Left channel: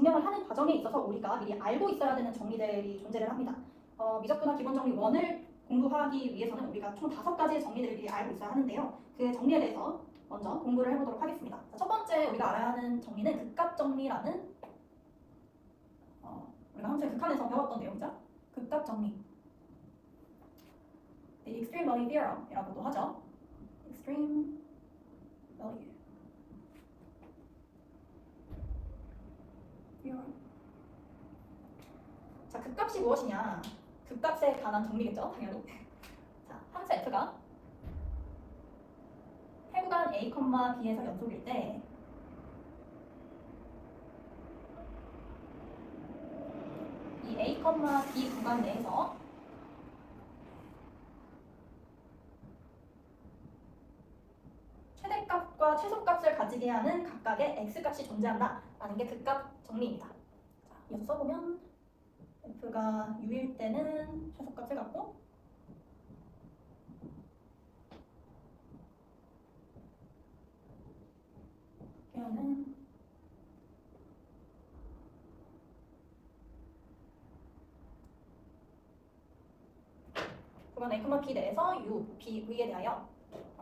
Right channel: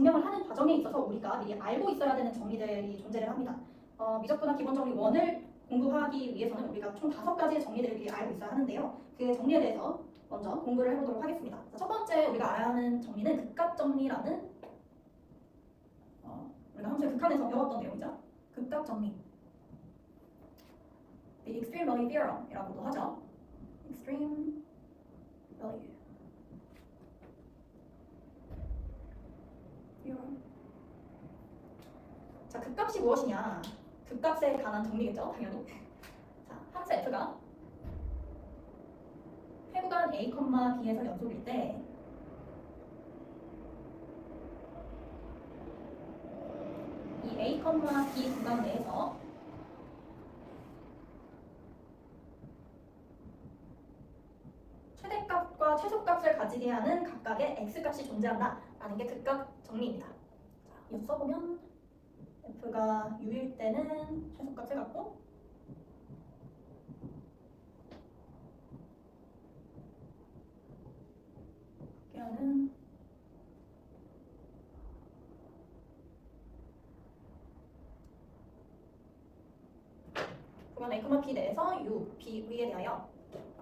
증명을 하는 과정에 있어서 우리가 미리 알고 있어야 되는 정리들이 존재를 합니다. 미적분학 기본 정리 1을 공부하기 위해서는 우리가 총 5가지의 정리들을 미리 알고 있어야 하는데요. 그 정리에 대해서 먼저 공부를 해보도록 하겠습니다. 첫 번째 우리가 알아야 하는 정리는 극각 정리라는 우리가 함수의 극한에서 배웠던 내용이죠. 극각 정리. The extreme value theorem이라고도 하죠. extreme value theorem. 자, 극값이 무엇이냐? 극값에 관한 정리겠죠, 당연히. 자, 함수 f가 해구간 a, b에서 연속일 때 이 a, b 구간 내에서 최대값과 최소값을 가지게 하는 각각의 x값이 존재한다라는 게 극값 정리입니다. 자, 이어서 써보면 f가 u일 때는 최소값을 갖고 하는 구간 a, b 내에서 u, b, v에 대하여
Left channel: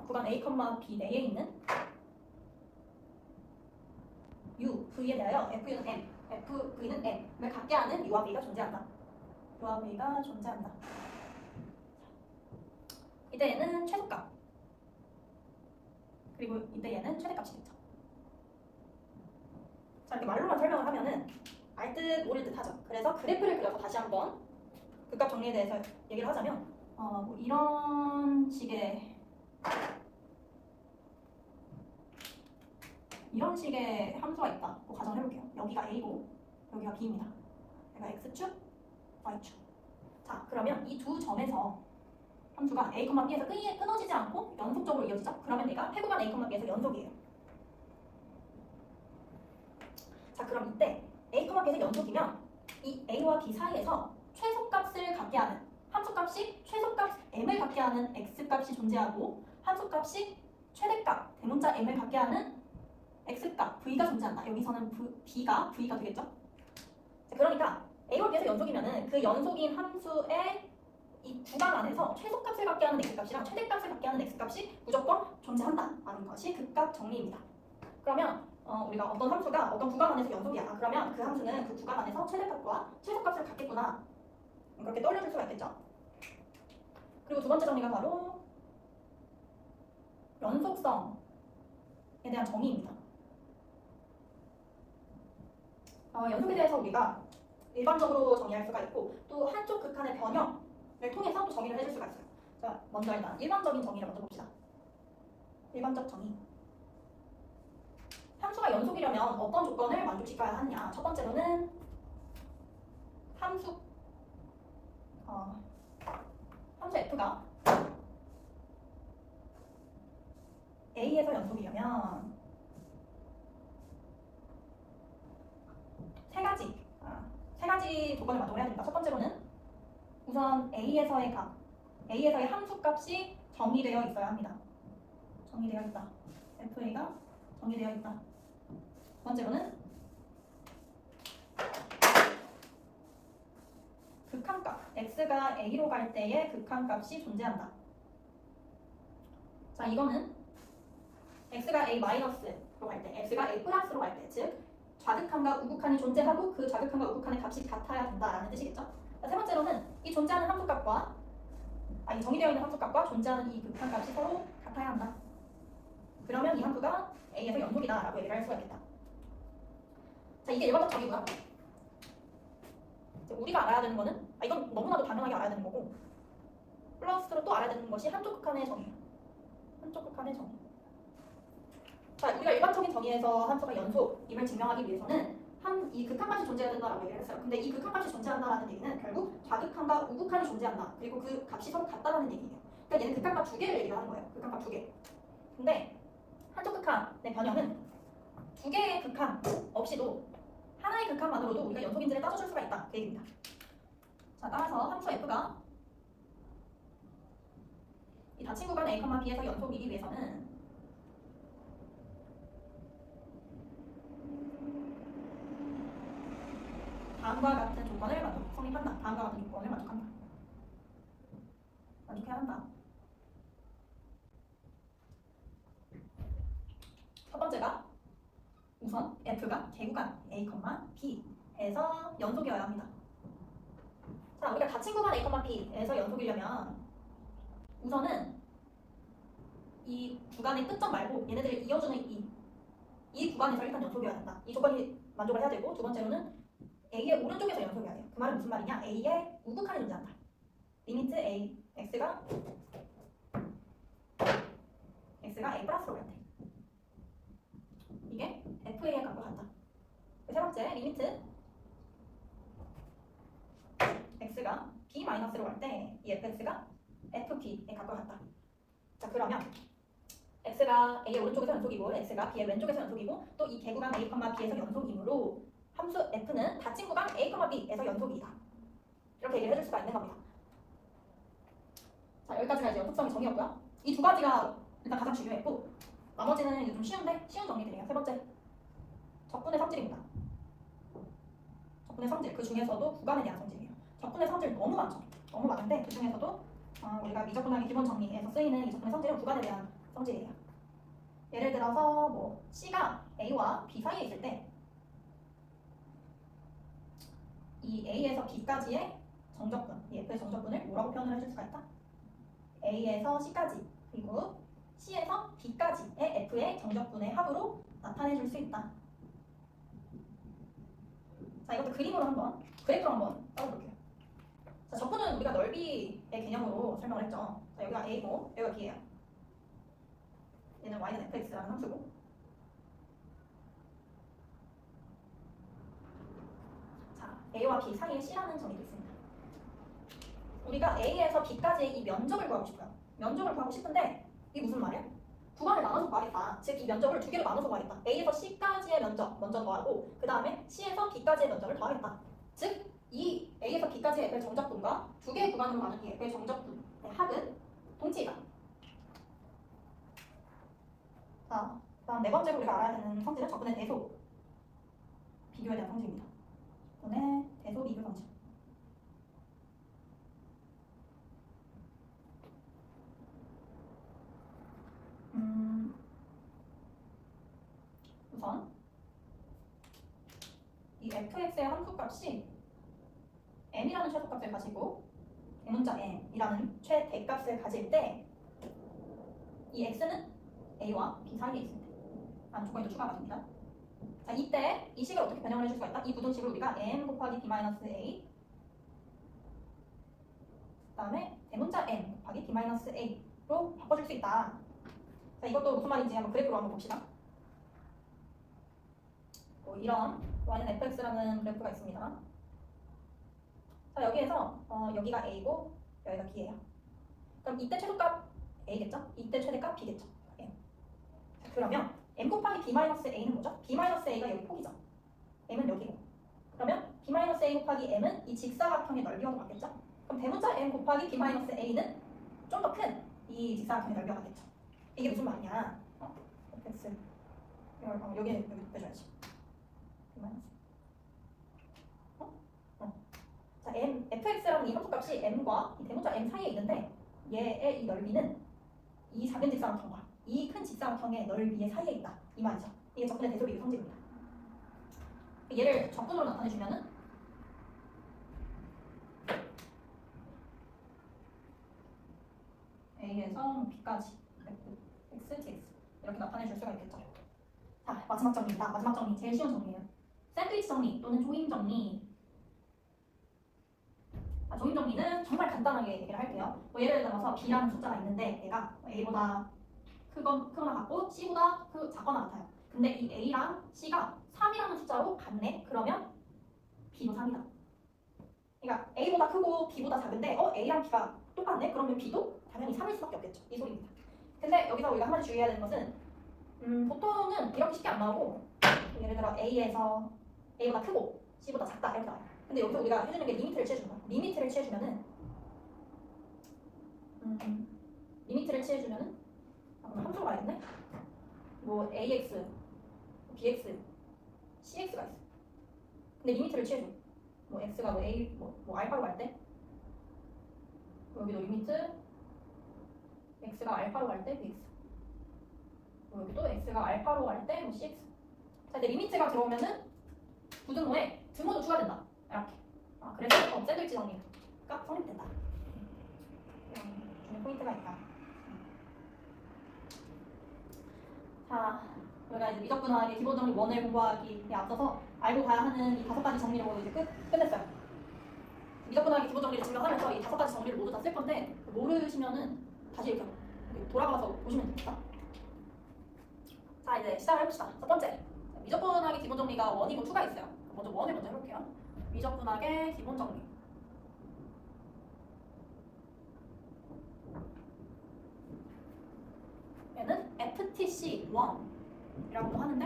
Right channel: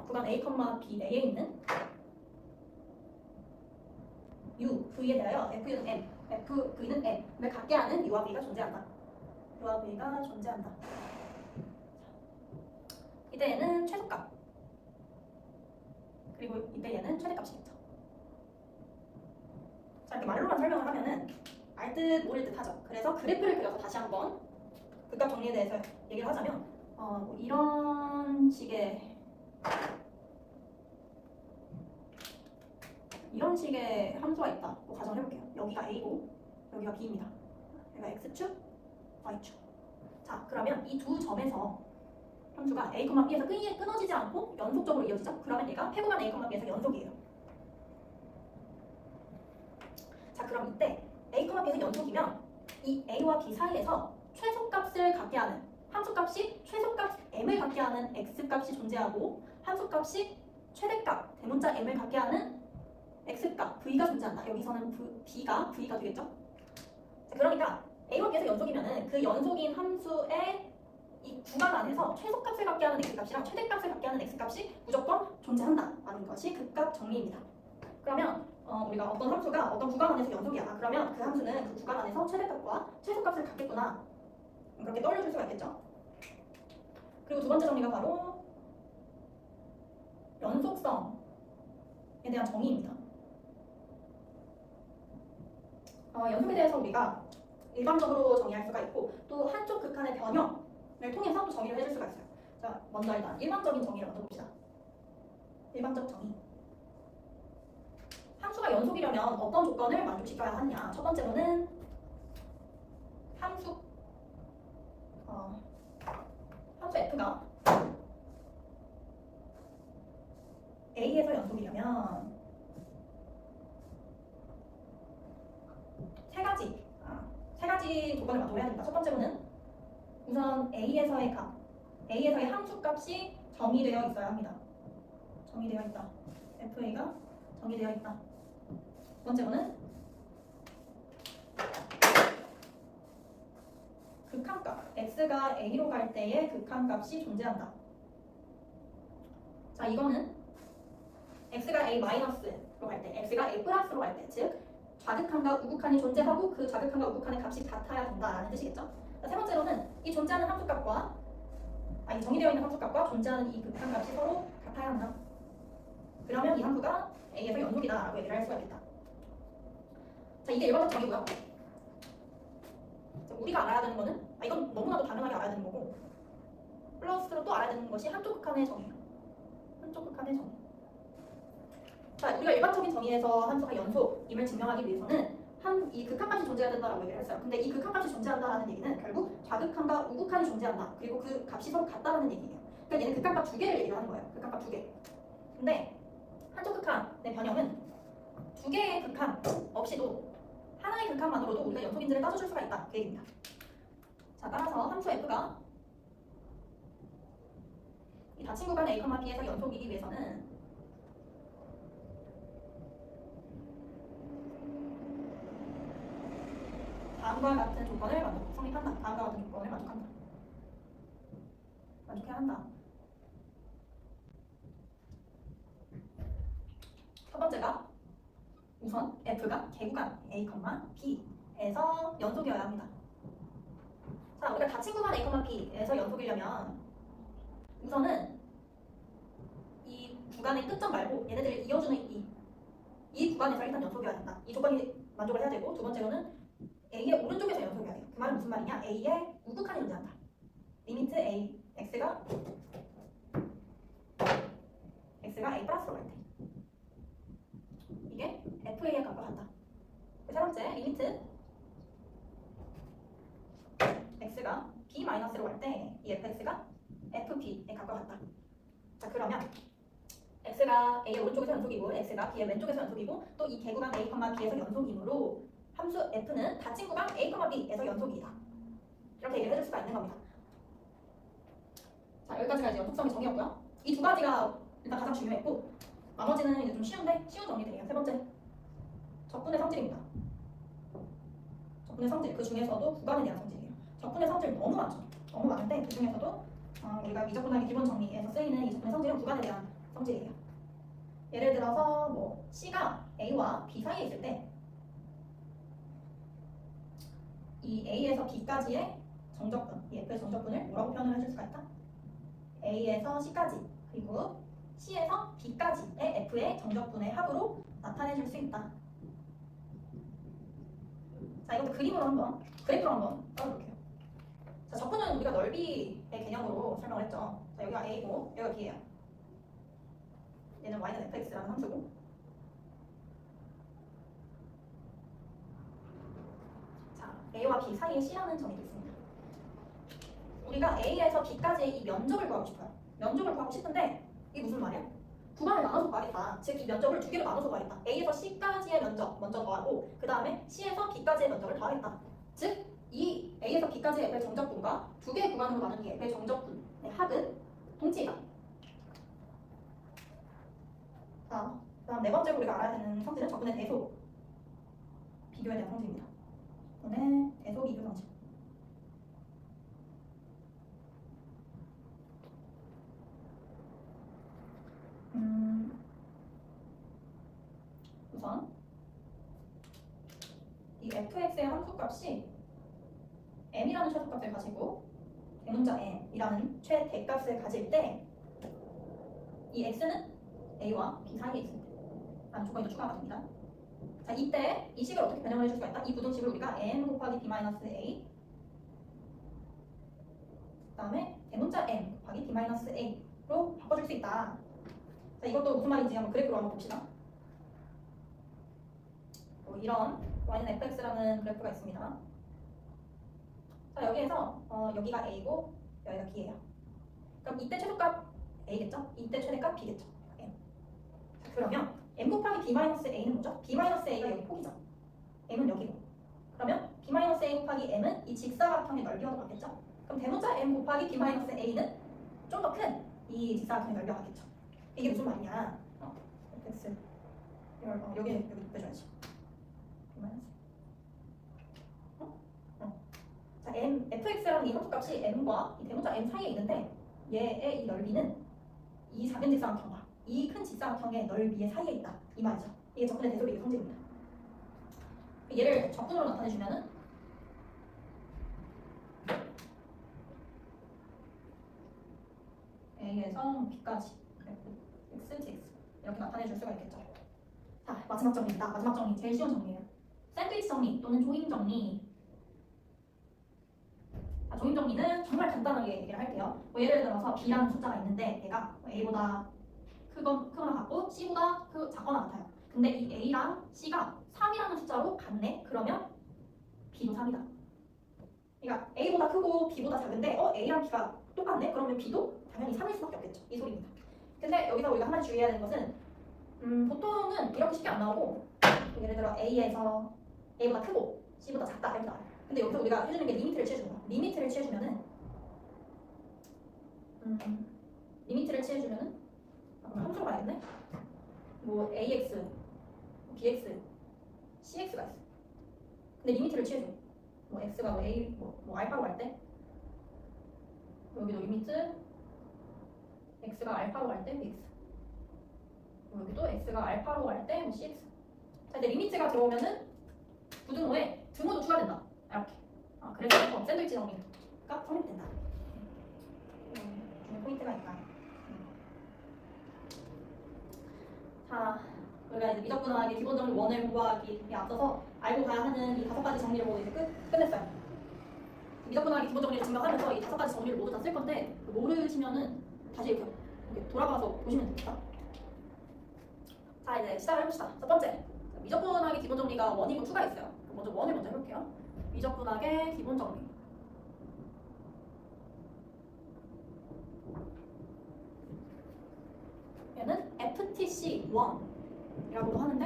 구간 a, b 내에 있는 u, v에 대하여 f는 n, fv는 n을 갖게 하는 u와 v가 존재한다. u와 v가 존재한다. 이때 얘는 최소값, 그리고 이때 얘는 최대값이겠죠. 자, 이렇게 말로만 설명을 하면은 알 듯 모를 듯 하죠. 그래서 그래프를 그려서 다시 한번 극값 정리에 대해서 얘기를 하자면 뭐 이런 식의 함수가 있다고 가정을 해볼게요. 여기가 a고 여기가 b입니다. 여기가 x축, y축. 자, 그러면 이 두 점에서 함수가 a, b에서 끊어지지 않고 연속적으로 이어지죠. 그러면 얘가 해구간 a, b에서 연속이에요. 자, 그럼 이때 a, b에서 연속이면 이 a와 b 사이에서 최소값을 갖게 하는 함수값이 최소값 m을 갖게 하는 x값이 존재하고 함수값이 최대값 대문자 m을 갖게 하는 x값 v가 존재한다. 여기서는 b가 v가 되겠죠. 자, 그러니까 a와 b에서 연속이면은 그 연속인 함수의 이 구간 안에서 최소값을 갖게 하는 x값이랑 최대값을 갖게 하는 x값이 무조건 존재한다라는 것이 극값 정리입니다. 그러면 우리가 어떤 함수가 어떤 구간 안에서 연속이야. 그러면 그 함수는 그 구간 안에서 최대값과 최소값을 갖겠구나. 그렇게 떠올려줄 수가 있겠죠. 그리고 두 번째 정리가 바로 연속성에 대한 정의입니다. 연속에 대해서 우리가 일반적으로 정의할 수가 있고 또 한쪽 극한의 변형을 통해서 또 정의를 해줄 수가 있어요. 자, 먼저 일단 일반적인 정의를 먼저 봅시다. 일반적 정의. 함수가 연속이려면 어떤 조건을 만족시켜야 하느냐. 첫 번째로는 함수 f가 a에서 연속이려면 세 가지 조건을 만족해야 됩니다. 첫 번째로는 우선 a에서의 함수값이 정의되어 있어야 합니다. 정의되어 있다. fa가 정의되어 있다. 두 번째로는 극한값, x가 a로 갈 때의 극한값이 존재한다. 자, 이거는 x가 a 마이너스로 갈 때, x가 a 플러스로 갈 때, 즉 좌극한과 우극한이 존재하고 그 좌극한과 우극한의 값이 같아야 된다라는 뜻이겠죠. 자, 세 번째로는 이 존재하는 함수값과 정의되어 있는 함수값과 존재하는 이 극한값이 서로 같아야 한다. 그러면 이 함수가 a에서 연속이다라고 얘기를 할 수가 있겠다. 자, 이게 일반적 정의고요. 우리가 알아야 되는 거는 이건 너무나도 당연하게 알아야 되는 거고 플러스로 또 알아야 되는 것이 한쪽 극한의 정의예요. 한쪽 극한의 정의. 자, 우리가 일반적인 정의에서 함수가 연속임을 증명하기 위해서는 이 극한값이 존재해야 된다라고 얘기를 했어요. 근데 이 극한값이 존재한다라는 얘기는 결국 좌극한과 우극한이 존재한다. 그리고 그 값이 서로 같다라는 얘기예요. 그러니까 얘는 극한값 두 개를 얘기를 하는 거예요. 극한값 두 개. 근데 한쪽 극한의 변형은 두 개의 극한 없이도 하나의 극한만으로도 우리가 연속인지를 따져줄 수가 있다. 그 얘기입니다. 자, 따라서 함수 f가 이 닫힌 구간 a, b에서 연속이기 위해서는 다음과 같은 조건을 성립한다. 다음과 같은 조건을 만족한다. 만족해야 한다. 첫 번째가 우선 F가 개구간 A, B에서 연속이어야 합니다. 자, 우리가 닫힌 구간 A, B에서 연속이려면 우선은 이 구간의 끝점 말고 얘네들을 이어주는 이 구간에서 일단 연속이어야 된다. 이 조건이 만족을 해야 되고, 두 번째로는 A의 오른쪽에서 연속이어야 돼요. 그 말은 무슨 말이냐? A의 우극한이 존재한다. 리미트 A, X가 A 플러스로 갈 때 이게 FA에 갖고 간다. 세 번째, 리미트 X가 B 마이너스로 갈 때 이 FX가 FB에 갖고 간다. 자, 그러면 X가 A의 오른쪽에서 연속이고 X가 B의 왼쪽에서 연속이고 또 이 개구간 A, B에서 연속이므로 함수 F는 닫힌 구간 A, B에서 연속이다. 이렇게 얘기를 해줄 수가 있는 겁니다. 자, 여기까지가 이제 연속성의 정의였고요. 이 두 가지가 일단 가장 중요했고, 나머지는 이제 좀 쉬운 정리들이에요. 세 번째, 적분의 성질입니다. 적분의 성질, 그 중에서도 구간에 대한 성질이에요. 적분의 성질 너무 많죠. 너무 많은데 그 중에서도 우리가 미적분학의 기본 정리에서 쓰이는 이 적분의 성질은 구간에 대한 성질이에요. 예를 들어서 뭐 C가 A와 B 사이에 있을 때 이 A에서 B까지의 정적분, 이 F의 정적분을 뭐라고 표현을 해줄 수가 있다? A에서 C까지 그리고 C에서 B까지의 F의 정적분의 합으로 나타내줄 수 있다. 자, 이것도 그림으로 한번, 그래프로 한번 써볼게요. 자, 적분은 우리가 넓이의 개념으로 설명을 했죠. 자, 여기가 A고 여기가 B예요. 얘는 Y는 fx라는 함수고, 자, A와 B 사이에 C라는 점이 있습니다. 우리가 A에서 B까지의 이 면적을 구하고 싶어요. 면적을 구하고 싶은데 이게 무슨 말이야? 구간을 나눠서 구하겠다. 즉 이 면적을 두 개로 나눠서 구하겠다. A에서 C까지의 면적 먼저 더하고 그 다음에 C에서 B까지의 면적을 더하겠다. 즉 이 A에서 B까지의 F의 정적분과 두 개의 구간으로 나눈 이 F의 정적분의 합은 동치이다. 자, 그다음 네 번째로 우리가 알아야 되는 성질은 적분의 대속 비교에 대한 성질입니다. 적분의 대속 비교 성질. 우선 이 fx의 함수값이 m이라는 최소값을 가지고 대문자 m이라는 최대값을 가질 때 이 x는 a와 b 사이에 있을 때 라는 조건이 또 추가가 됩니다. 자, 이때 이 식을 어떻게 변형을 해줄 수가 있다? 이 부등식을 우리가 m 곱하기 b-a 그 다음에 대문자 m 곱하기 b-a로 바꿔줄 수 있다. 자, 이것도 무슨 말인지 한번 그래프로 한번 봅시다. 이런 y는 fx라는 그래프가 있습니다. 자, 여기에서 여기가 a고 여기가 b예요. 그럼 이때 최소값 a겠죠? 이때 최대값 b겠죠? m. 자, 그러면 m 곱하기 b-a는 뭐죠? b-a가 여기 폭이죠. m은 여기고. 그러면 b-a 곱하기 m은 이 직사각형의 넓이와도 같겠죠? 그럼 대문자 m 곱하기 b-a는 좀 더 큰 이 직사각형의 넓이와 같겠죠? 이게 무슨 말이냐? fx 여기 빼줘야지. 자, fx라는 이 함수값이 m과 이 대문자 m 사이에 있는데 얘의 이 넓이는 이 작은 직사각형과 이 큰 직사각형의 넓이의 사이에 있다. 이 말이죠. 이게 적분의 대소 비교 성질입니다. 얘를 적분으로 나타내주면은 a에서 b까지 x, dx 이렇게 나타내줄 수가 있겠죠. 자, 마지막 정리입니다. 마지막 정리, 제일 쉬운 정리예요. 샌드위치 정리 또는 조임 정리. 조임 정리는 정말 간단하게 얘기를 할게요. 예를 들어서 b라는 숫자가 있는데 얘가 a보다 크거나 같고 c보다 작거나 같아요. 근데 이 a랑 c가 3이라는 숫자로 같네? 그러면 b도 3이다. 그러니까 a보다 크고 b보다 작은데 a랑 b가 똑같네? 그러면 b도 당연히 3일 수밖에 없겠죠. 이 소리입니다. 근데 여기서 우리가 한 가지 주의해야 되는 것은 보통은 이렇게 쉽게 안 나오고 예를 들어 a에서 a보다 크고 c보다 작다 이렇게 나와요. 근데 여기서 우리가 해주는 게 리미트를 취해주는 거야. 리미트를 취해주면은 그럼 함수로 가야겠네? 뭐 ax, bx, cx가 있어. 근데 리미트를 취해줘. 뭐 x가 뭐 a 뭐 알파로 갈 때 여기도 리미트 x가 알파로 갈 때 bx 뭐 여기도 x가 알파로 갈 때 뭐 cx. 자, 이제 리미트가 들어오면은 부등호에 등호도 추가된다. 이렇게. 그래서 샌드위치 정리가 성립된다. 중에 포인트가 있다. 자, 우리가 이제 미적분학의 기본적인 원을 공부하기에 앞서서 알고 가야 하는 이 5가지 정리로 이제 끝냈어요. 미적분학의 기본 정리를 증명하면서 이 5가지 정리를 모두 다 쓸 건데 모르시면은 다시 이렇게 돌아가서 보시면 됩니다. 자, 이제 시작을 해봅시다. 첫 번째, 미적분학의 기본 정리가 1이고 2가 있어요. 먼저 1을 먼저 해볼게요. 미적분학의 기본 정리. 얘는 FTC1이라고도 하는데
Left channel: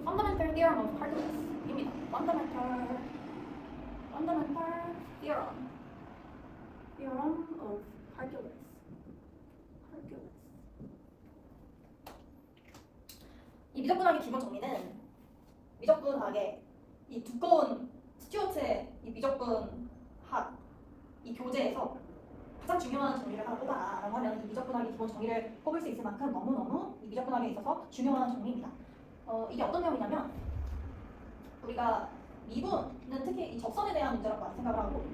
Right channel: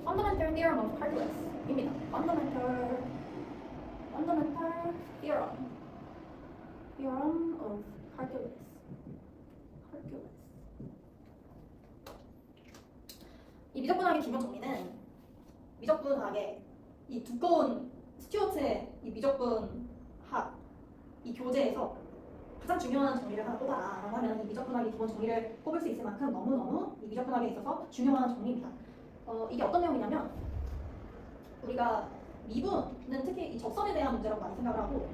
Fundamental Theorem of Calculus입니다. Fundamental Theorem of Calculus. 이 미적분학의 기본 정리는 미적분학의 이 두꺼운 스튜어트의 이 미적분학 이 교재에서 가장 중요한 정리를 하나 뽑아라 라고 하면 이 미적분학의 기본 정리를 뽑을 수 있을 만큼 너무너무 이 미적분학에 있어서 중요한 정리입니다. 이게 어떤 내용이냐면 우리가 미분은 특히 이 접선에 대한 문제라고 많이 생각을 하고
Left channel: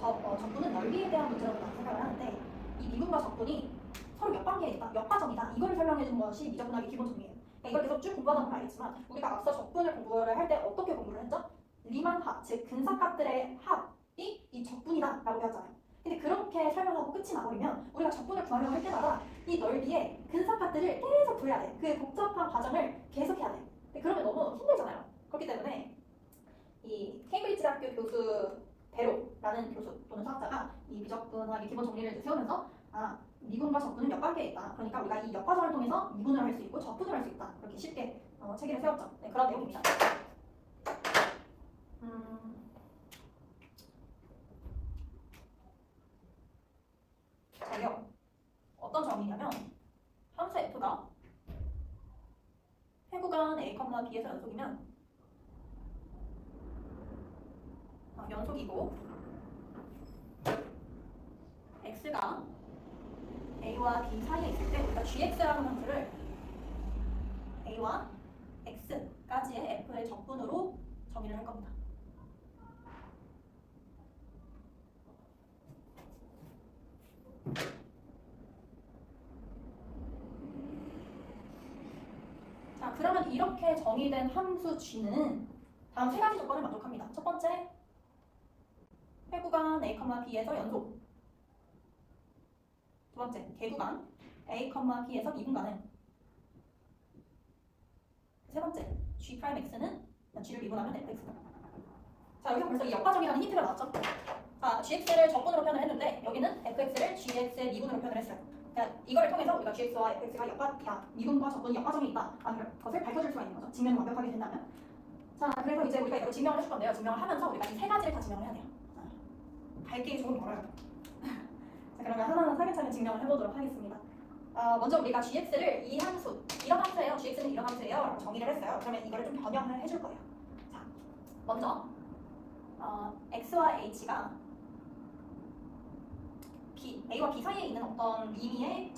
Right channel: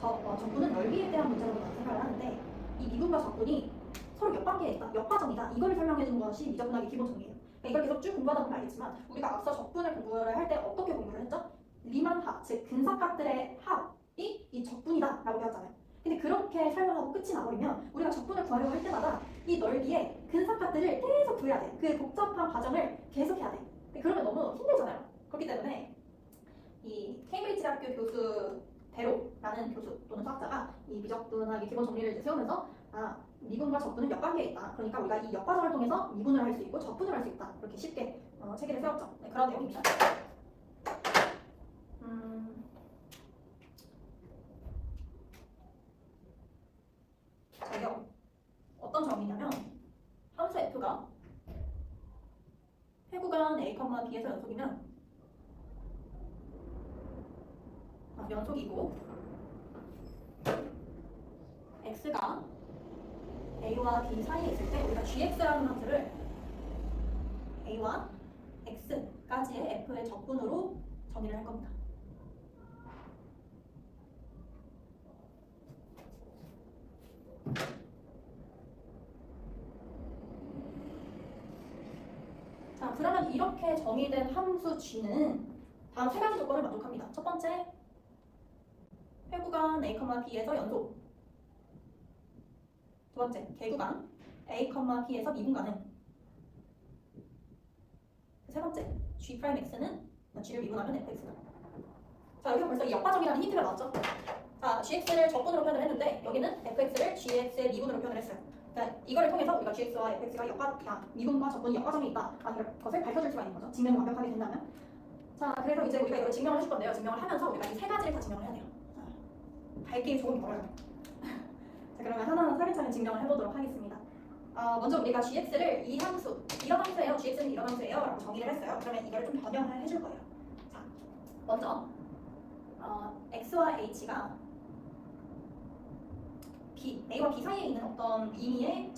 적분은 넓이에 대한 문제라고 많이 생각을 하는데 이 미분과 적분이 서로 몇 관계에 있다, 몇 과정이다 이걸 설명해 주는 것이 미적분학의 기본 정리예요. 이걸 계속 쭉 공부하다 보면 알겠지만 우리가 앞서 적분을 공부를 할 때 어떻게 공부를 했죠? 리만합, 즉 근사값들의 합이 이 적분이다 라고 배웠잖아요. 근데 그렇게 설명하고 끝이 나버리면 우리가 적분을 구하려고 할 때마다 이 넓이에 근사값들을 계속 구해야 돼. 그 복잡한 과정을 계속 해야 돼. 그러면 너무 힘들잖아요. 그렇기 때문에 이 케임브리지 대학교 교수 베로라는 교수 또는 수학자가 이 미적분학의 기본 정리를 이제 세우면서 미분과 적분은 몇 관계에 있다. 그러니까 우리가 이 역과정을 통해서 미분을 할 수 있고 적분을 할 수 있다. 그렇게 쉽게 체계를 세웠죠. 네, 그런 내용입니다. 자요. 어떤 정의냐면 함수 f가 회구간 a, b에서 연속이면 연속이고 x가 a와 b 사이에 있을 때 우리가 gx라는 함수를 a와 x까지의 f의 적분으로 정의를 할 겁니다. 자, 그러면 이렇게 정의된 함수 g는 다음 3가지 조건을 만족합니다. 첫 번째, 회구간 a, b에서 연속. 두 번째, 개구간 a, b에서 미분 가능. 세 번째, g'x는 g를 미분하면 fx다. 자, 여기서 벌써 이 역과정이라는 힌트가 나왔죠? 자, gx를 적분으로 표현을 했는데 여기는 fx를 gx의 미분으로 표현을 했어요. 그러니까 이거를 통해서 우리가 gx와 fx가 미분과 적분이 역과정이 있다 라는 것을 밝혀줄 수가 있는 거죠. 증명이 완벽하게 된다면. 자, 그래서 이제 우리가 이걸 증명을 해줄 건데요. 증명을 하면서 우리가 이 3가지를 다 증명을 해야 돼요. 갈 길이 조금 멀어요. 자, 그러면 하나는 차근차근 증명을 해보도록 하겠습니다. 먼저 우리가 gx를 이 함수, 이런 함수예요. gx는 이런 함수예요 라고 정의를 했어요. 그러면 이거를 좀 변형을 해줄 거예요. 자, 먼저 x와 h가 a와 b 사이에 있는 어떤 임의의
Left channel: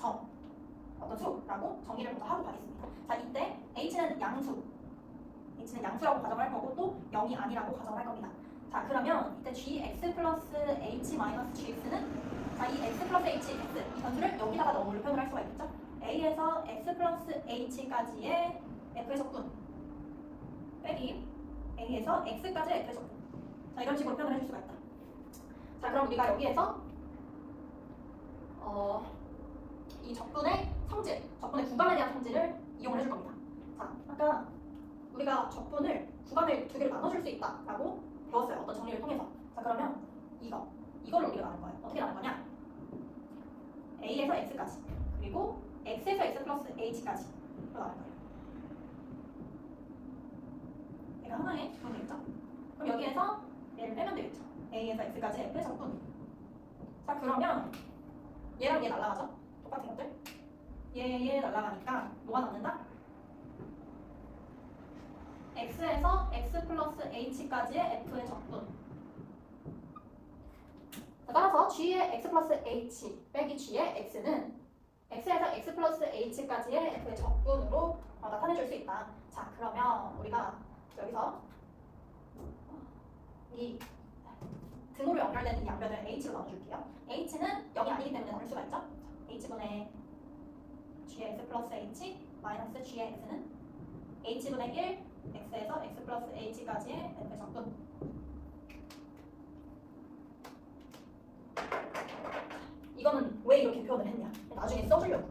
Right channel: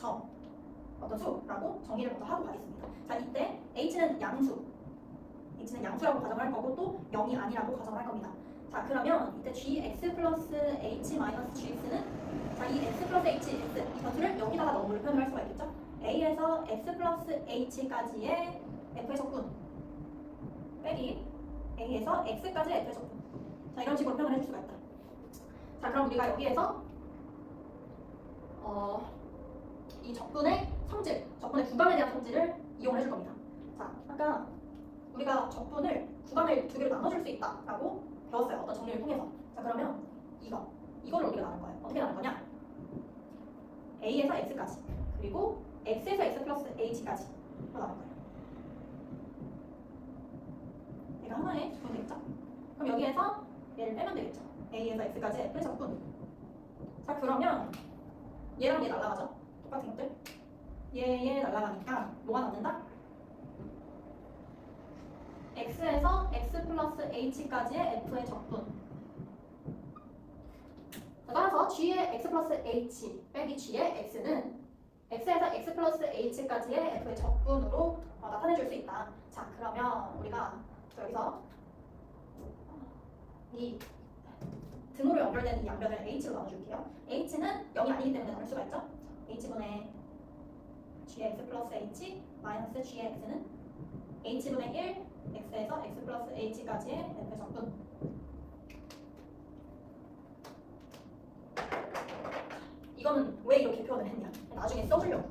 어떤 수라고 정의를 먼저 하고 가겠습니다. 자, 이때 h는 양수라고 가정을 할 거고 또 0이 아니라고 가정을 할 겁니다. 자, 그러면 이때 gx 플러스 h 마이너스 gx는 자, 이 x 플러스 h, x 이 변수를 여기다가 넣음으로 표현을 할 수가 있겠죠? a에서 x 플러스 h까지의 f의 적분 빼기 a에서 x까지의 f의 적분. 자, 이런 식으로 표현을 해줄 수가 있다. 자, 그럼 우리가 여기에서 이 적분의 성질, 적분의 구간에 대한 성질을 이용을 해줄 겁니다. 자, 아까 우리가 적분을 구간을 2개로 나눠줄 수 있다라고 배웠어요. 어떤 정리를 통해서. 자, 그러면 이거를 우리가 나눌 거예요. 어떻게 나눌 거냐? a에서 x까지 그리고 x에서 x 플러스 h까지 나눌 거예요. 얘가 하나의 적분이 되겠죠? 그럼 여기에서 얘를 빼면 되겠죠? a에서 x까지 f의 적분. 자, 그러면 얘랑 얘 날아가죠? 똑같은 것들. 얘 날아가니까 뭐가 남는다? x에서 x 플러스 h까지의 f의 적분 따라서 g의 x 플러스 h 빼기 g의 x는 x에서 x 플러스 h까지의 f의 적분으로 나타내줄 수 있다. 자, 그러면 우리가 여기서 이 등호로 연결된 이 양변을 h로 나눠줄게요. h는 0이 아니기 때문에 나눌 수가 있죠. h분의 g의 x 플러스 h 마이너스 g의 x는 h분의 1 x에서 x 플러스 h까지의 f의 적분. 이거는 왜 이렇게 표현을 했냐? 나중에 써주려고.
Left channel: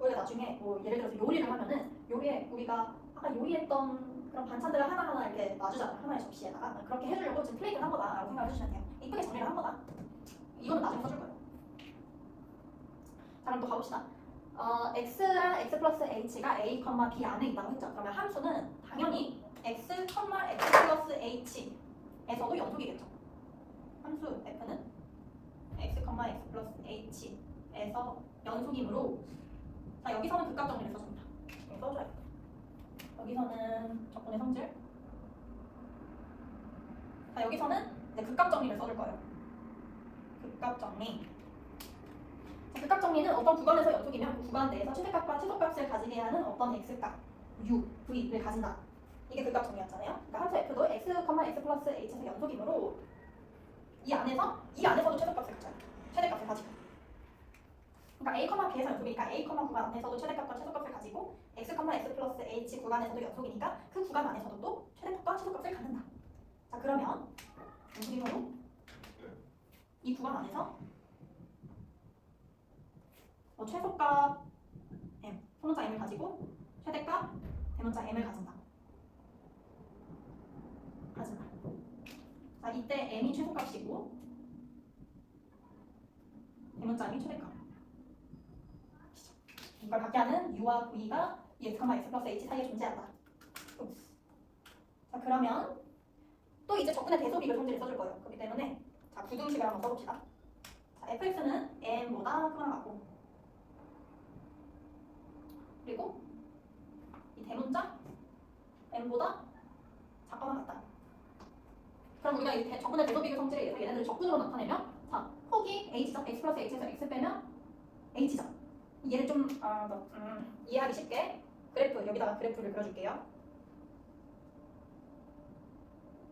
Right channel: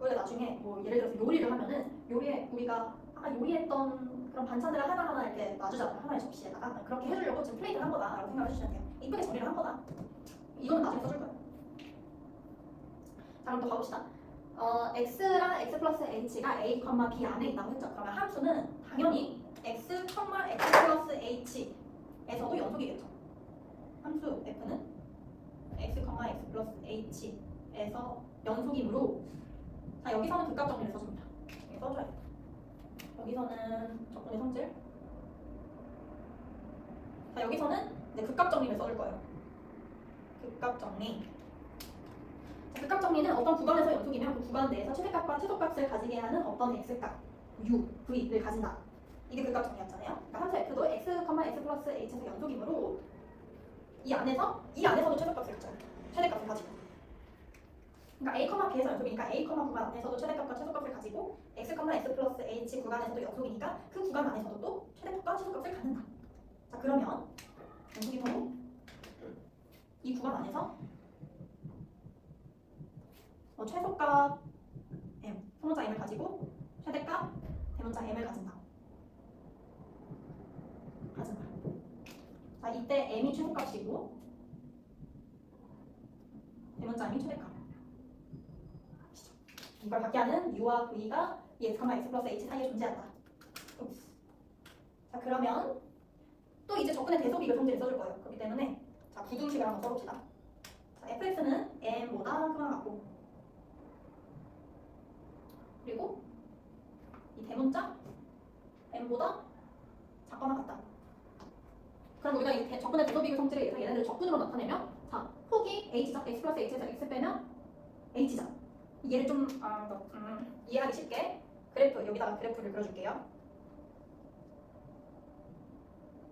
우리가 나중에 뭐 예를 들어서 요리를 하면은 요리에 우리가 아까 요리했던 그런 반찬들을 하나하나 이렇게 놔주잖아요. 하나의 접시에다가. 그렇게 해주려고 지금 플레이를 한 거다라고 생각을 해주시면 돼요. 이쁘게 정리를 한 거다. 이거는 나중에 써줄 거예요. 자, 그럼 또 가봅시다. x랑 x 플러스 h가 a, b 안에 있다고 했죠. 그러면 함수는 당연히 x, x 플러스 h에서도 연속이겠죠. 함수 f는 x, x 플러스 h에서 연속이므로 자, 여기서는 극각 정리를 써줍니다. 여기 써줘야 돼. 여기서는 적분의 성질. 자, 여기서는 이제 극각 정리를 써줄 거예요. 극각 정리. 자, 극각 정리는 어떤 구간에서 연속이면 그 구간 내에서 최대값과 최소값을 가지게 하는 어떤 x값, u, v를 가진다. 이게 극각 정리였잖아요. 그러니까 함수 f도 x, x 플러스 h에서 연속이므로 이 안에서도 최소값을 가져요. 최대값을 가지고. 그러니까 a, b에서 연속이니까 a, 구간 안에서도 최대값과 최소값을 가지고 x, x 플러스 h 구간에서도 연속이니까 그 구간 안에서도 또 최대값과 최소값을 갖는다. 자, 그러면 연속이므로 이 구간 안에서 최소값 m, 소문자 m을 가지고 최대값 대문자 m을 가진다. 자, 이때 m이 최소값이고 대문자 m이 최대값. 이걸 갖게 하는 u와 v가 이 x, x 플러스 h 사이에 존재한다. 자, 그러면 또 이제 적분의 대소비교 성질을 써줄 거예요. 그렇기 때문에 자, 부등식을 한번 써봅시다. 자, fx는 m보다 크거나 같고, 그리고 이 대문자 m보다 작거나 같다. 그럼 우리가 이 적분의 대소비교 성질에 의해서 얘네들을 적분으로 나타내면 자, 폭이 h죠. x 플러스 h에서 x 빼면 h죠. 얘를 좀 이해하기 쉽게 여기다가 그래프를 그려줄게요.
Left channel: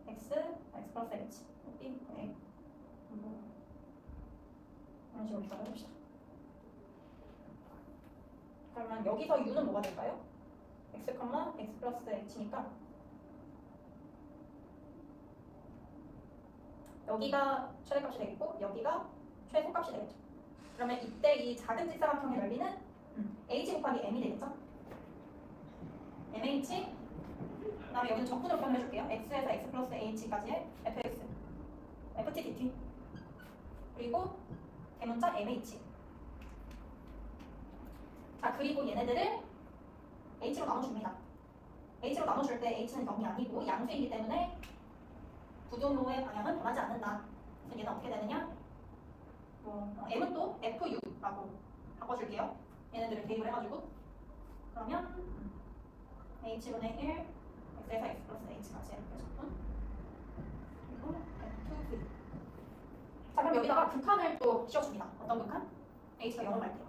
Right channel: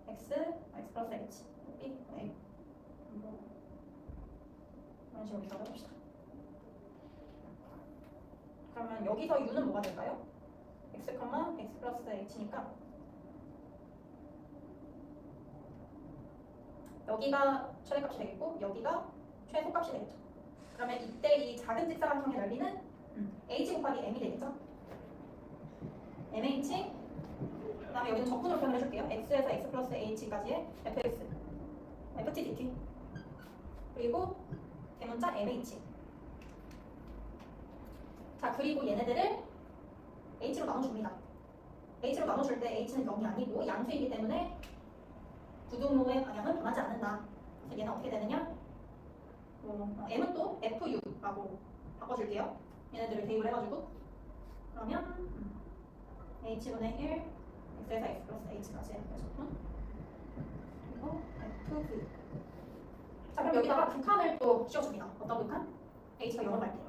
x, x 플러스 h, b, a 이런 식으로 기억을 해봅시다. 그러면 여기서 u는 뭐가 될까요? x, x 플러스 h니까 여기가 최대값이 되겠고 여기가 최소값이 되겠죠. 그러면 이때 이 작은 직사각형의 넓이는 h 곱하기 m이 되겠죠. mh, 그 다음에 여기는 적분으로 표현을 해줄게요. x에서 x 플러스 h까지의 fx, ft dt, 그리고 대문자 mh. 자, 그리고 얘네들을 h로 나눠줍니다. h로 나눠줄 때 h는 0이 아니고 양수이기 때문에 부등호의 방향은 변하지 않는다. 그래서 얘는 어떻게 되느냐? m은 또 fu라고 바꿔줄게요. 얘네들을 대입을 해가지고 그러면 h분의 1 x에서 x 플러스 h까지 적분 그리고 fv. 자, 그럼 여기다가 극한을 또 씌워줍니다. 어떤 극한? h가 0을 갈 때.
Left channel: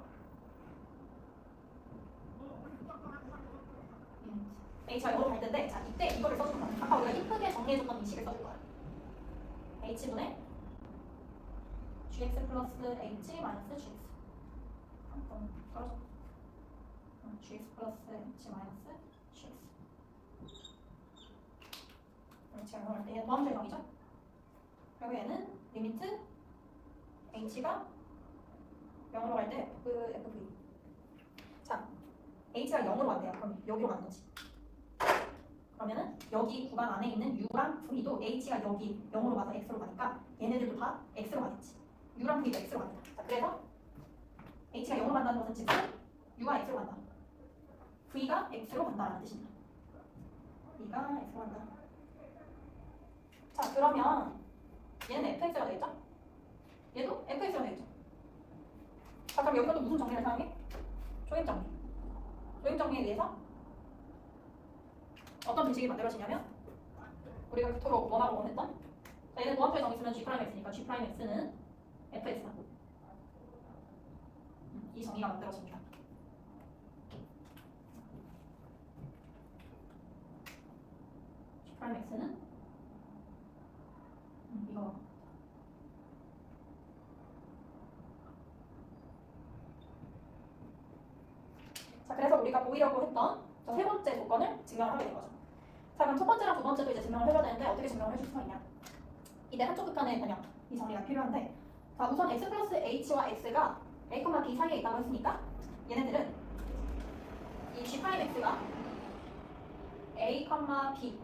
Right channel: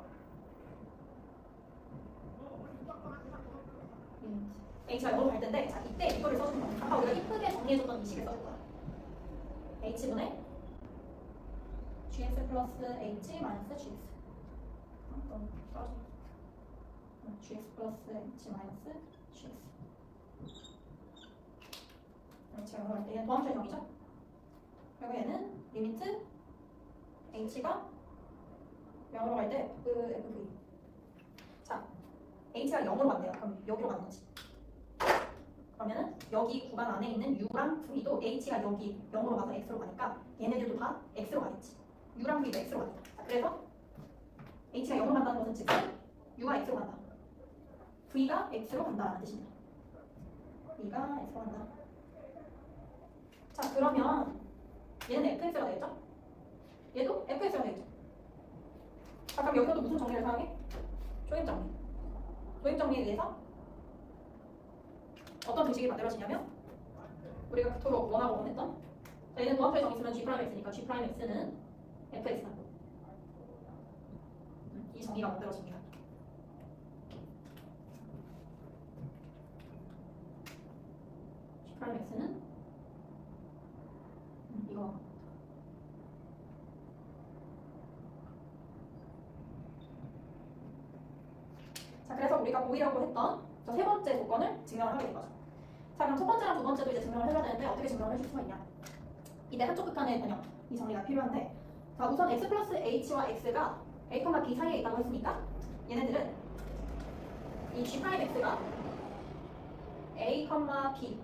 h가 0을 갈 텐데 자, 이때 이거를 써주는 거야. 아까 우리가 이쁘게 정리해줬던 이 식을 써줄 거야. h분의 gx 플러스 h 마이너스 gx. gx 플러스 h 마이너스 gx. 제가 이거 얘는 도함수의 정의죠. 그리고 얘는 리미트 h가 0으로 갈 때 fv. 자, h가 0으로 간대요. 그럼 여기로 가는 거지. 그러면은 여기 구간 안에 있는 u랑 v도 h가 여기 0으로 가서 x로 가니까 얘네들도 다 x로 가겠지. u랑 v도 x로 간다. 자, 그래서 h가 0으로 간다는 것은 즉 u가 x로 간다. v가 x로 간다라는 뜻입니다. v가 x로 간다. 자, 그러면 얘는 fx가 되겠죠? 얘도 fx가 되겠죠? 자, 그럼 여기서도 무슨 정리를 사용해? 조임 정리. 조임 정리에 의해서 어떤 등식이 만들어지냐면 우리가 그토록 원하고 원했던 자, 얘는 도함수의 정의 쓰면 g'x니까 g'x는 fx다. 이 정의가 만들어집니다. G'x는 이거. 자, 그래서 우리가 보이려고 했던 세 번째 조건을 증명을 하게 된 거죠. 자, 그럼 첫 번째랑 두 번째도 이제 증명을 해줘야 되는데 어떻게 증명을 해줄 수가 있냐? 이때 한쪽 극한의 변형, 이 정리가 필요한데, 자, 우선 x 플러스 h와 x가 a, b 사이에 있다고 했으니까 얘네들은 이 g'x가 a, b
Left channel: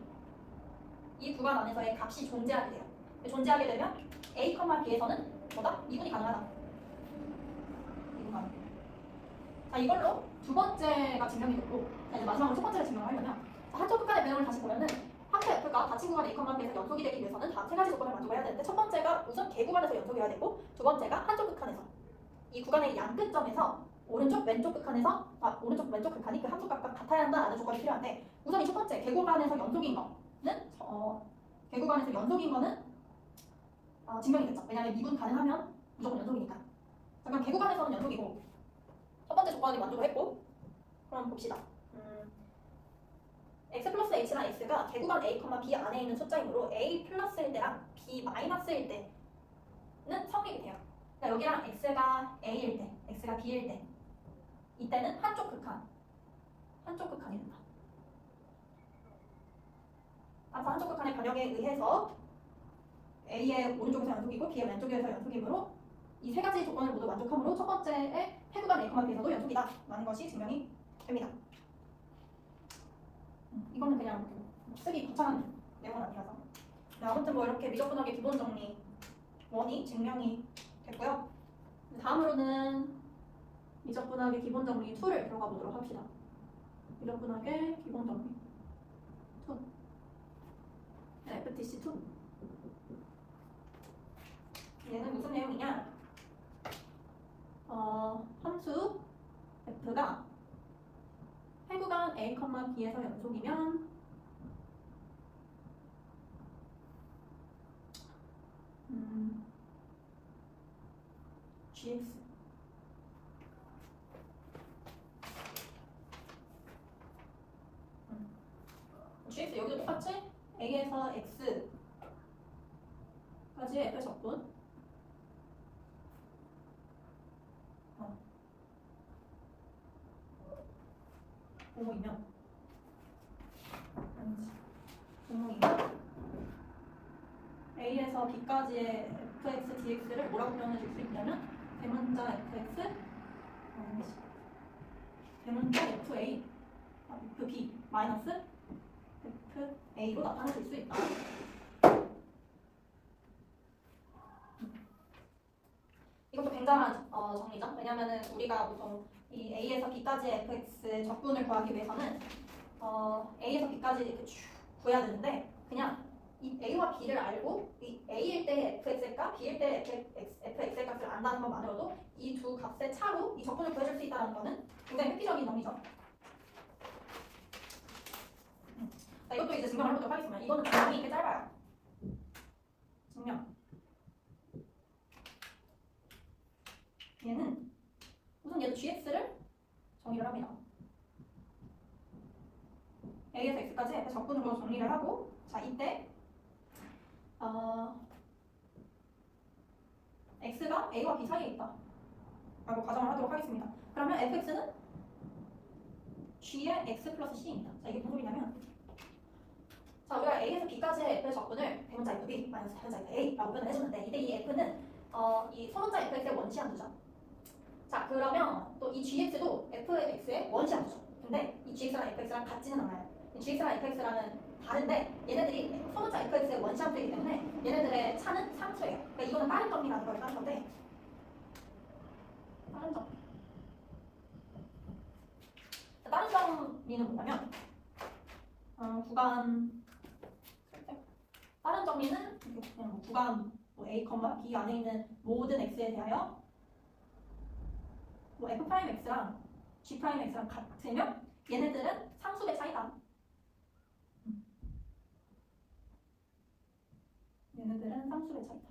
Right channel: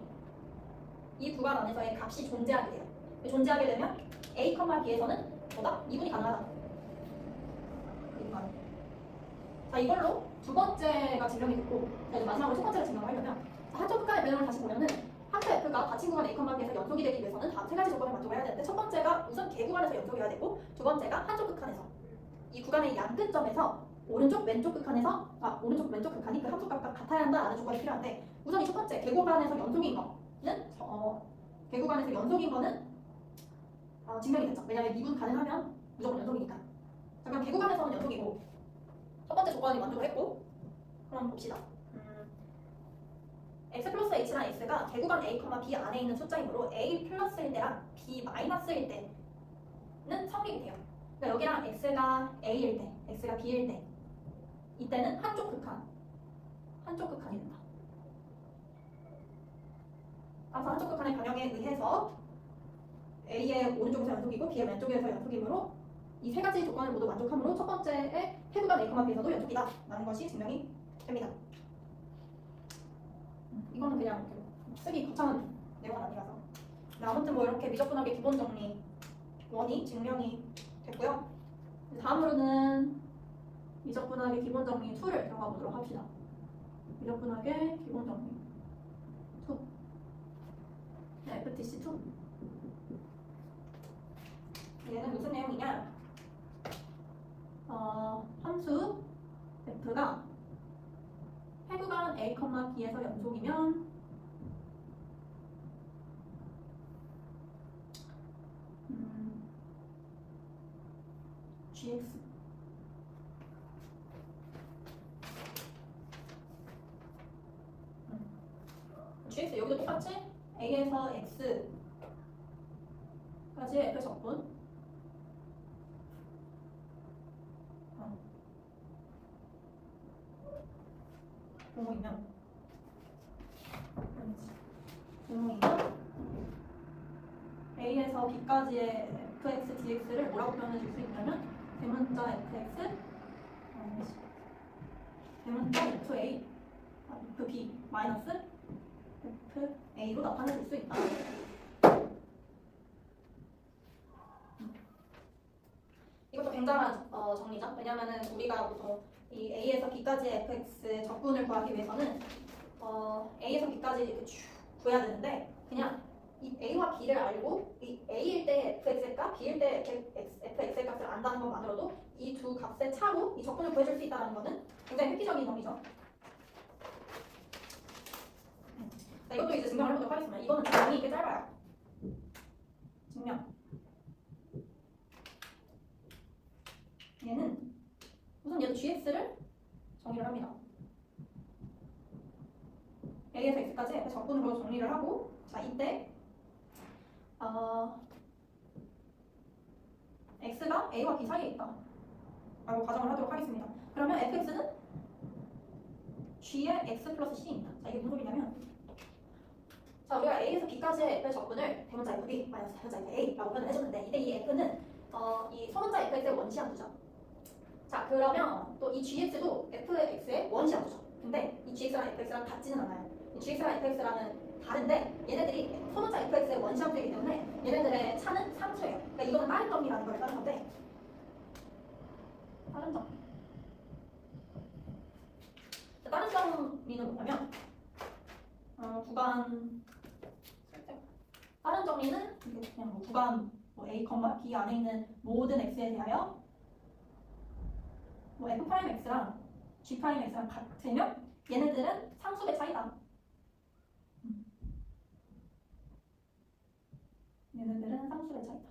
이 구간 안에서의 값이 존재하게 돼요. 존재하게 되면 a, b에서는 뭐다? 미분이 가능하다. 이 구간. 자, 이걸로 두 번째가 증명이 됐고, 자, 이제 마지막으로 첫 번째를 증명하려면 한쪽 극간의 변형을 다시 보면은 함수 f가 닫힌 구간 a, b에서 연속이 되기 위해서는 다 세 가지 조건을 만족해야 되는데, 첫 번째가 우선 개구간에서 연속이어야 되고, 두 번째가 한쪽 극한에서 이 구간의 양끝점에서 오른쪽 왼쪽 극한에서 오른쪽 왼쪽 극한이 그 함수 값과 같아야 한다라는 조건이 필요한데, 우선 이 첫 번째 개구간에서 연속인 거는 개구간에서 연속인 거는 증명이 됐죠. 왜냐하면 미분 가능하면 무조건 연속이니까. 자, 그럼 개구간에서는 연속이고 첫 번째 조건이 만족을 했고, 그럼 봅시다. x 플러스 h랑 x가 개구간 a, b 안에 있는 숫자이므로 a 플러스일 때랑 b 마이너스일 때는 성립이 돼요. 그러니까 여기랑 x가 a일 때, x가 b일 때 이때는 한쪽 극한이 된다. 따라서 한쪽 극한의 변형에 의해서 a의 오른쪽에서 연속이고 b의 왼쪽에서 연속이므로 이 세 가지 조건을 모두 만족함으로 첫 번째의 해구간 a, b에서도 연속이다 라는 것이 증명이 됩니다. 이거는 그냥 쓰기 거창한 내용은 아니라서. 네, 아무튼 뭐 이렇게 미적분학의 기본 정리 1이 증명이 됐고요. 다음으로는 미적분학의 기본 정리 2를 들어가 보도록 합시다. 미적분학의 기본 정리 2. 네, FTC 2. 얘는 무슨 내용이냐? 함수 f가 해구간 a, b에서 연속이면 gx gx 여기도 똑같지? a에서 x까지 f의 적분 공이면 a에서 b까지의 fx, dx를 뭐라고 표현해 줄 수 있냐면 대문자 fx 대문자 fa fb 마이너스 fa로 나타내 줄 수 있다. 이것도 굉장한 정리죠. 왜냐면은 우리가 보통 이 a에서 b까지의 fx의 적분을 구하기 위해서는 a에서 b까지 이렇게 쭉 구해야 되는데, 그냥 이 a와 b를 알고 이 a일 때 fx의 값, b일 때 fx의 값을 안다는 것만으로도 이 두 값의 차로 이 적분을 구해줄 수 있다는 것은 굉장히 획기적인 정리죠. 자, 이것도 이제 증명을 해보도록 하겠습니다. 이거는 증명이 꽤 짧아요. 증명. 얘는 우선 얘도 gx를 정리를 합니다. a에서 x까지 f 적분으로 정리를 하고, 자, 이때 x가 a와 b 사이에 있다 라고 가정을 하도록 하겠습니다. 그러면 fx는 g의 x 플러스 c입니다. 자, 이게 무슨 소리냐면, 자, 우리가 a에서 b까지의 f의 적분을 대문자 fb 마이너스 대문자 fa라고 표현을 해줬는데, 이때 이 f는 이 소문자 fx의 원시함수죠. 자, 그러면 또 이 gx도 fx의 원시함수죠. 근데 이 gx랑 fx랑 같지는 않아요. 이 gx랑 fx랑은 다른데 얘네들이 소문자 fx의 원시함수이기 때문에 얘네들의 차는 상수예요. 그러니까 이거는 다른 정리라는 걸 따른 건데, 다른 정리. 다른 정리는 뭐냐면 구간 다른 정리는 그냥 뭐 구간 a, b 안에 있는 모든 x에 대하여 뭐 f'x랑 g'x랑 같으면 얘네들은 상수의 차이다. 얘네들은 상수의 차이다.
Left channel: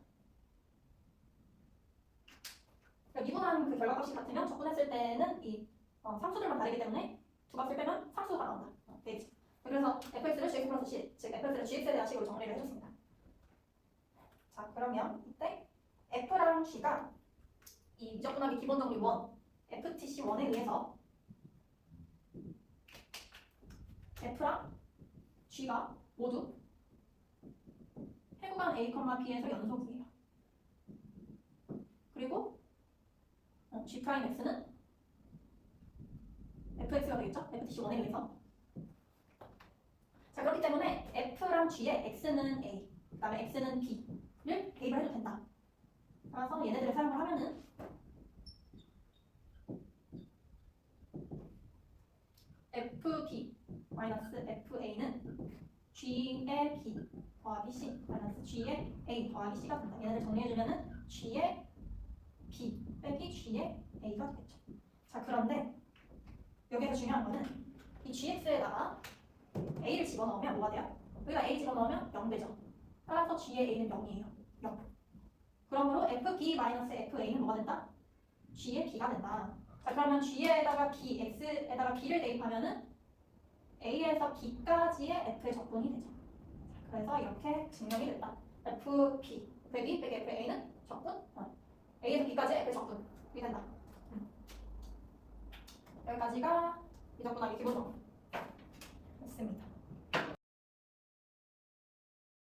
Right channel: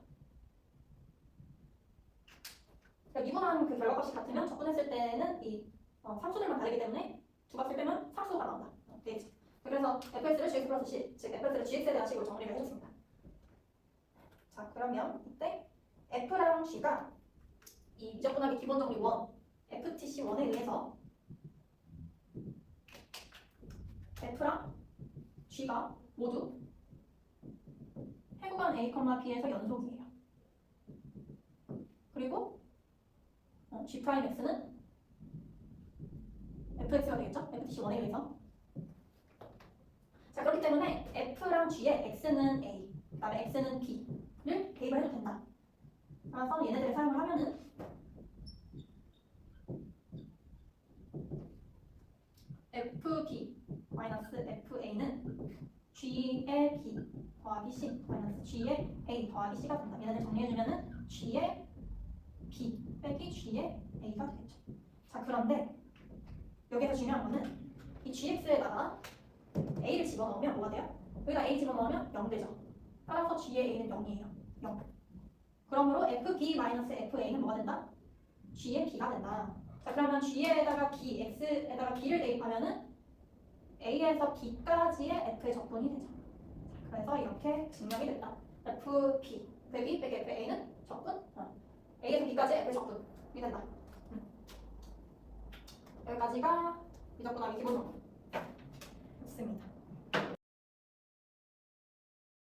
미분한 그 결과값이 같으면 적분했을 때는 이 상수들만 다르기 때문에 두 값을 빼면 상수가 나온다. 되겠지. 그래서 fx를 gx 플러스 c, 즉 fx를 gx에 대한 식으로 정리를 해줬습니다. 자, 그러면 이때 f랑 g가 이 미적분하기 기본 정리 1, ftc1에 의해서 f랑 g가 모두 해구간 a, b에서 연속이에요. 그리고 g'x는 fx가 되겠죠? ftc1에 의해서. 자, 그렇기 때문에 f랑 g의 x는 a, 그 다음에 x는 b를 대입을 해도 된다. 따라서 얘네들을 사용을 하면은 fb 마이너스 fa는 g의 b 더하기 c 마이너스 g의 a 더하기 c가 된다. 얘네들 정리해주면은 g의 b 빼기 g의 a가 되겠죠. 자, 그런데 여기서 중요한 거는 이 gx에다가 a를 집어넣으면 뭐가 돼요? 여기다 a 집어넣으면 0 되죠. 따라서 g의 a는 0이에요. 0. 그러므로 fb-fa는 뭐가 된다? g의 b가 된다. 자, 그러면 g에다가 b, x에다가 b를 대입하면은 a에서 b까지의 f의 적분이 되죠. 자, 그래서 이렇게 증명이 된다. fb, 빼기 fa는 적분, a에서 b까지 f의 적분이 된다. 여기까지가 미적분하기 기본 정리였습니다.